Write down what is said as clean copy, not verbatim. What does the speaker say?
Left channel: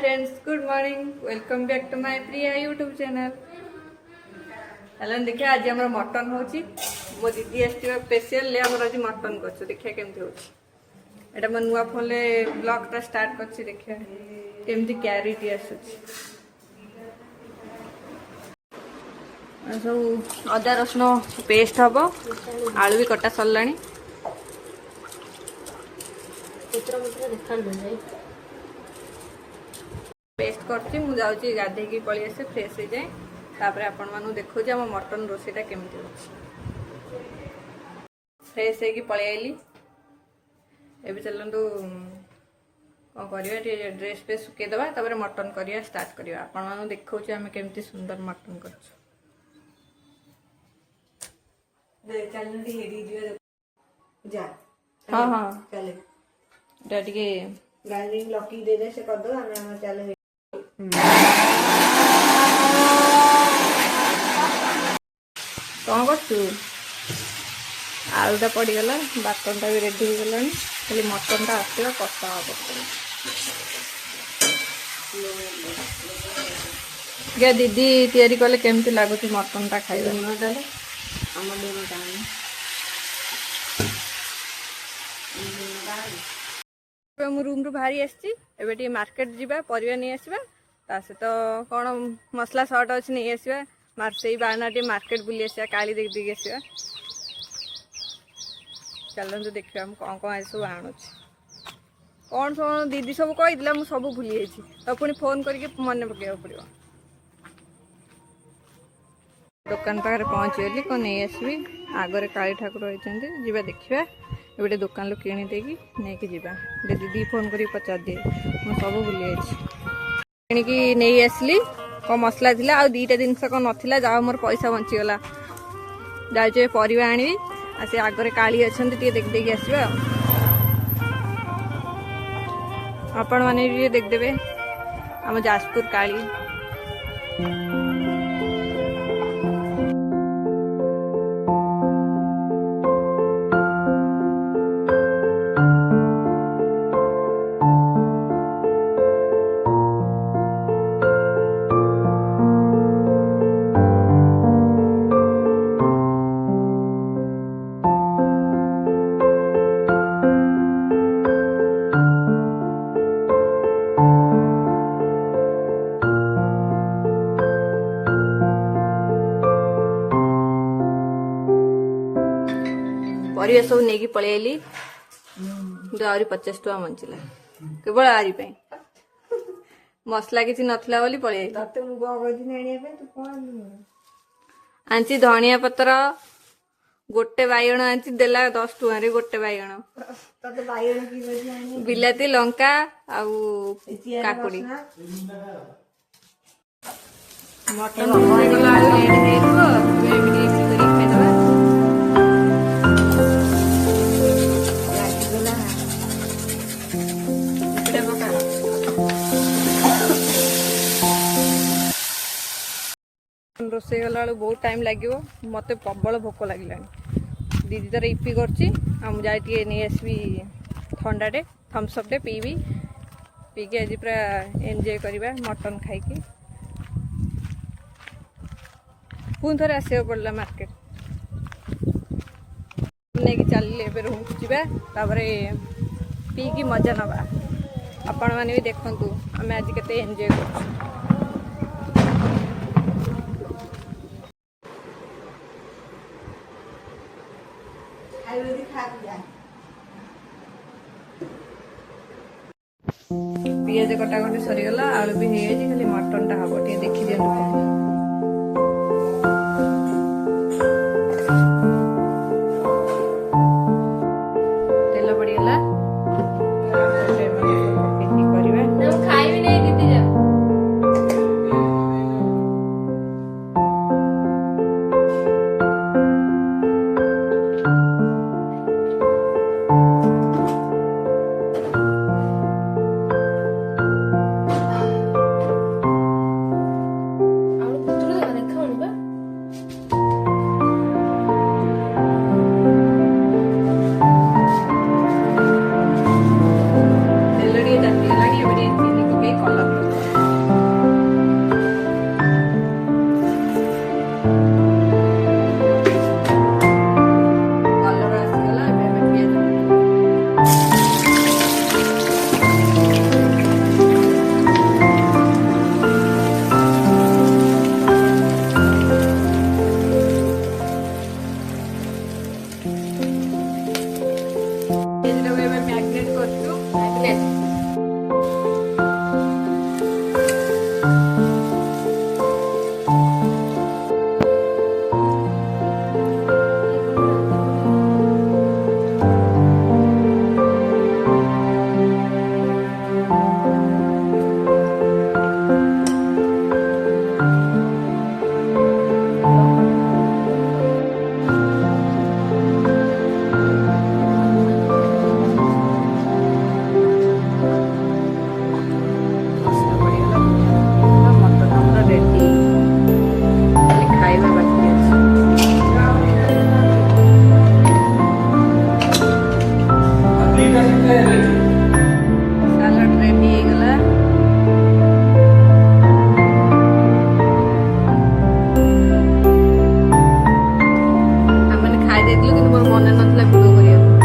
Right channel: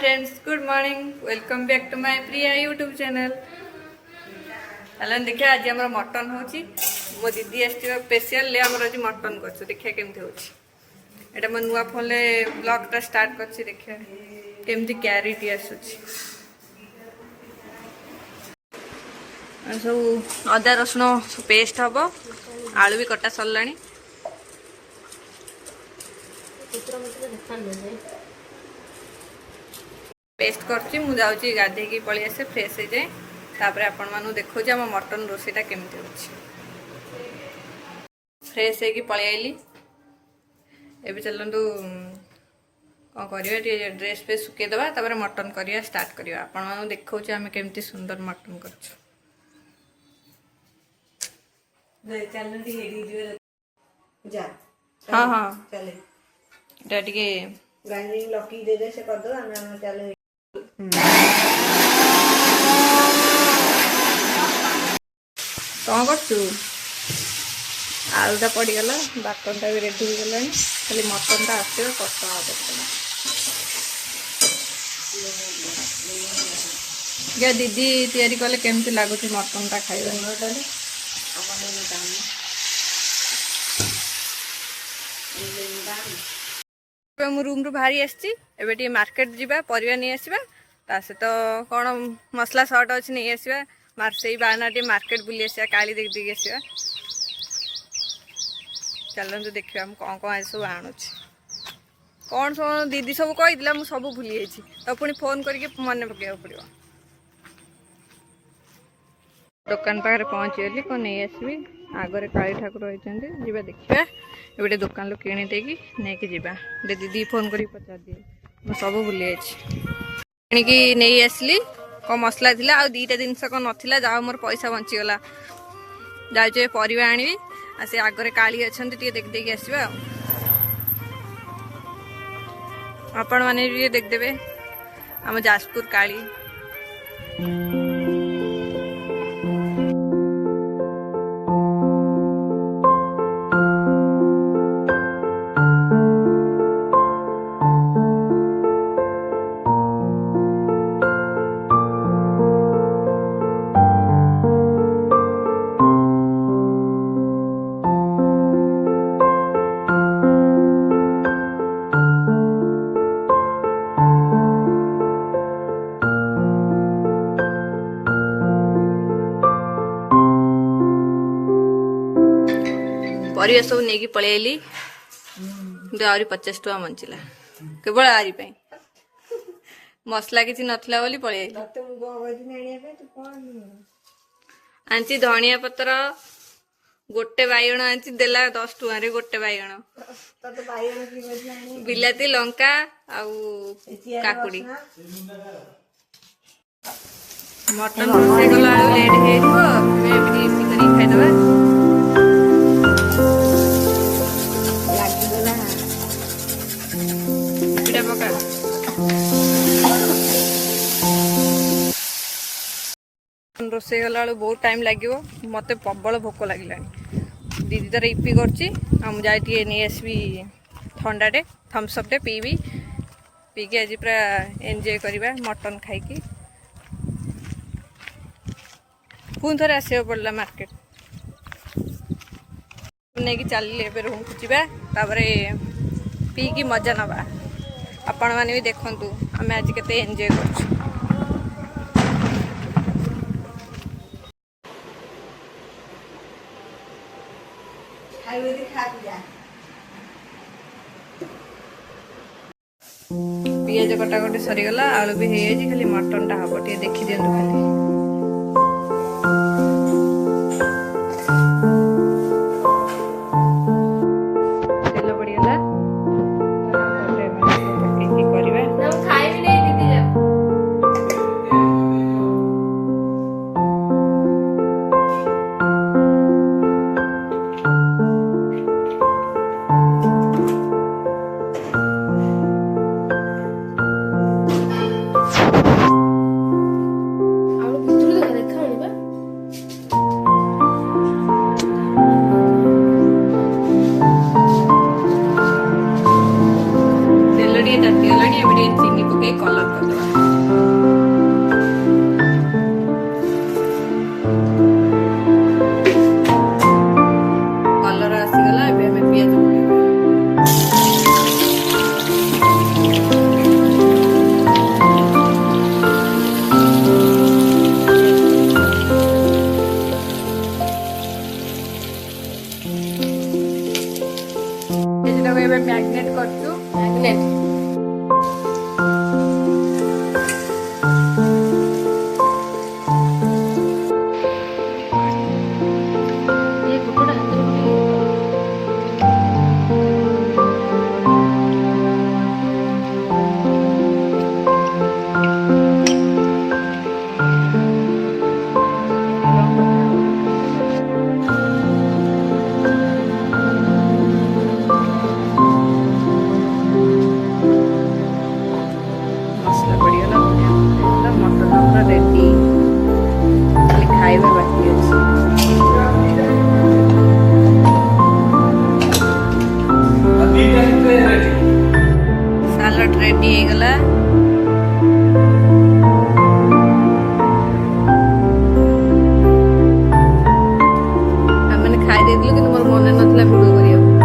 Friends good morning welcome back to my Priya YouTube channel. चलो देखिए आज आम मटन हो मो दीदी आस स्पेशल आज मटन कर देखिए केमती होटा मो नुआ फोन ब्लॉगटा स्टार्ट कर देखिए केमती क्यारिटी आसूची सब अदा रसुण पेस्ट हम आलू भी कटा सरला पेस्ट कर गाधे पलि आसे फ्रेश हो जाए तापर आपण मानु देखो आम मटन रोसेटा केमती हो फ्रेश है पलि आइली एबे चलतु कौन करवा ड्रेस पे सुखेदेवा तापर मटन करवा स्टार्ट करवा आपण मानु देखो आम केमती सुंदर मटन कर हाँ हाँ चले ग्राइंडिंग लकी दे दे से कर दो हम चले कौन कर आलूटा पड़गला बाटनटा भी रेडी हो गला खाली मटनटा आसवा कषा हम दीदी तैयारी कले केमती लगुच मटनटा खाइबा मु रूम रु बाहरी आसटी मार्केट जीवा परिवा नहीं आसवा ता सहित कौन मसला सर्ट अच्छी नहीं आसवा से बाना टे मार्केट बुली आसवा काली देख देख आसवा चलते देखा कौन कौन आज सब आणु कौन सब दीदी सब कही मुझे सब भूली जाइए तो पुणी फोन करके मन पकड़ा पड़ो दुकान पाखे पहुँची गली कौन नहीं आसबि आगरे काली ठाकुर होती जीवा देखा गोटे दुकान लो किणी देगी नहीं जीवा दीदी फोन कर पचार दिए मुझे सब भूली जाइए कि नहीं आसली कौन मसला थी आ दीटा जिनस कौन नाला जहाँ मोर पैसा बंचीगला जाऊे परिवा आनी से आगरे काली अच्छा देख देख आसवा आपण मैंने देखदेवे आम जाजपुर काली परिवा सब नहीं पलि आइली आहरी 50 टका बंचला केवल आरी मसला किसी नथला बोली पलि आंची धनिया पत्र गोटे बैगण आंची देला 10 टका गोटे बैगण बिलाती लंका आउ काकुड़ी मटन रोसे गला लेट हो खाईदबा रोसे गला बहुत टाइम लगे मत प्रबल भोक लगे दीदी तार इपी कर नहीं आसबि ठंडाटे थम्सअपटे पीबी पीके आज पूरा एंजॉय करवा मटन खाई पुणी थे आसवा पड़ा मार्केट नहीं चलिए रूम को जापर पीकी मजा नवा आपण मैंने भी देखु आम आज के एंजॉय कर पियाज कटाकटी सरीगला आलू भी हो खाली मटन टा हम टे देखी दिंतु खाली तेल पड़गला चीनी पकई कलर कर ମସଲା ପଡ଼ିଗଲା, ଧନିଆ ପଡ଼ିଗଲା, ମଟନ୍ ଆମର ରେଡ଼ି, ଖାଲି ଖାଇବା ବାକି ଅଛି। ସାଲାଡ୍ ରେଡ଼ି ହେଇଗଲା। ଆମେ ଖାଇ ଦେଇଥିଲୁ କିନ୍ତୁ ମୋର ମନେ ନଥିଲା ଭିଡ଼ିଓ କରିବାକୁ।